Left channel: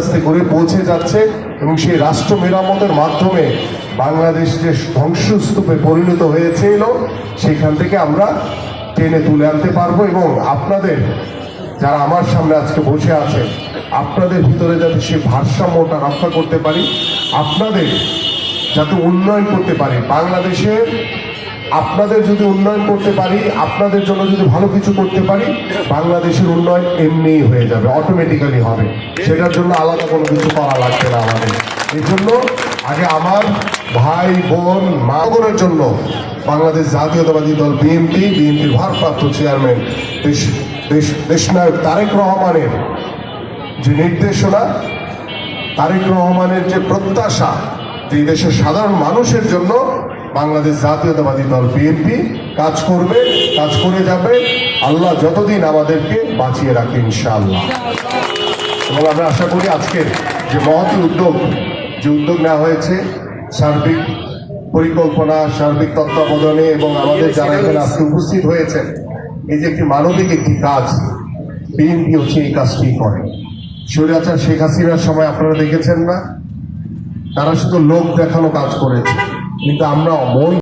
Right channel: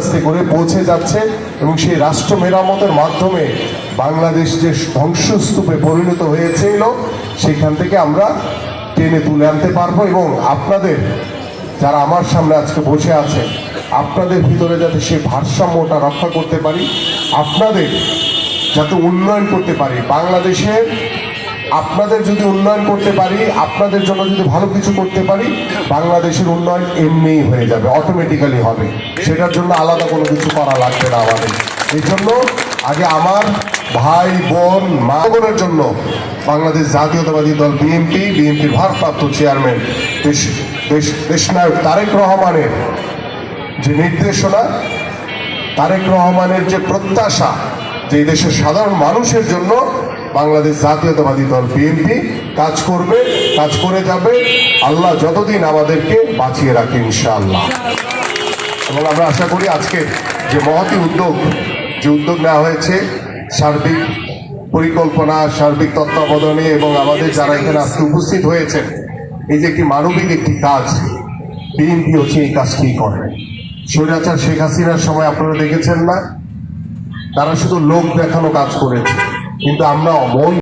আস্তে করে পৌঁছে যাচ্ছে এবং সেই রাষ্ট্র মেরামতের মাধ্যমে বাংলাদেশ যে ধ্বংসস্তূপে পরিণত হয়েছিল সেখান থেকে আমরা টেনে তুলে আনতে পারবো এবং আপনাদের যারা আমার সামনে আজকে বসে আছে আপনাদের ভিতরে যাতে সেই ভারসাম্যটা রক্ষা করতে পারি, আপনাদের যাতে উন্নয়ন করতে পারি, বাংলাদেশের আপনাদের যদি উন্নয়ন করতে পারি, আপনাদের জন্য যদি ভালো কিছু করতে পারি, বাংলাদেশের উন্নয়ন এমনিই হয়ে যাবে, অটোমেটিক্যালি হবে। সেটার জন্য আলাদা কোনো কিছু করা লাগবে না আমাদের। এই জন্য আগে আমার ভাই বোন মাগনের জন্য বাংলাদেশ জাতীয়তাবাদী দল বিএনপির ভারপ্রাপ্ত চেয়ারম্যান দেশনায়ক তারেক রহমানের যে নির্দেশনা, তারেক রহমানের যে প্রত্যাশা, যে দেশের সাধারণ মানুষের জন্য বাংলাদেশ জাতীয়তাবাদী দল বিএনপি কাজ করবে, কাজ করে যাবে, আল্লাহ যতদিন আমাদেরকে বাঁচিয়ে রাখে ইনশাআল্লাহ। এবং আমরা আশা করি আজকে যে মহতি উদ্যোগ নেওয়া হয়েছে, সার্বিক পরিকল্পনা, সার্বিক তত্ত্বাবধানে এবং আমাদের যারা এখানে আজকে উপস্থিত হয়েছেন, এই যে একটি মানবিক একটি কাজ, বিএনপি হচ্ছে এই কাজটি করে। স্বৈরাচার শেখ হাসিনার সময় আপনারা দেখেছেন না, তারা শুধু লোক দেখানো কাজ করেছে, কিন্তু আমরা মন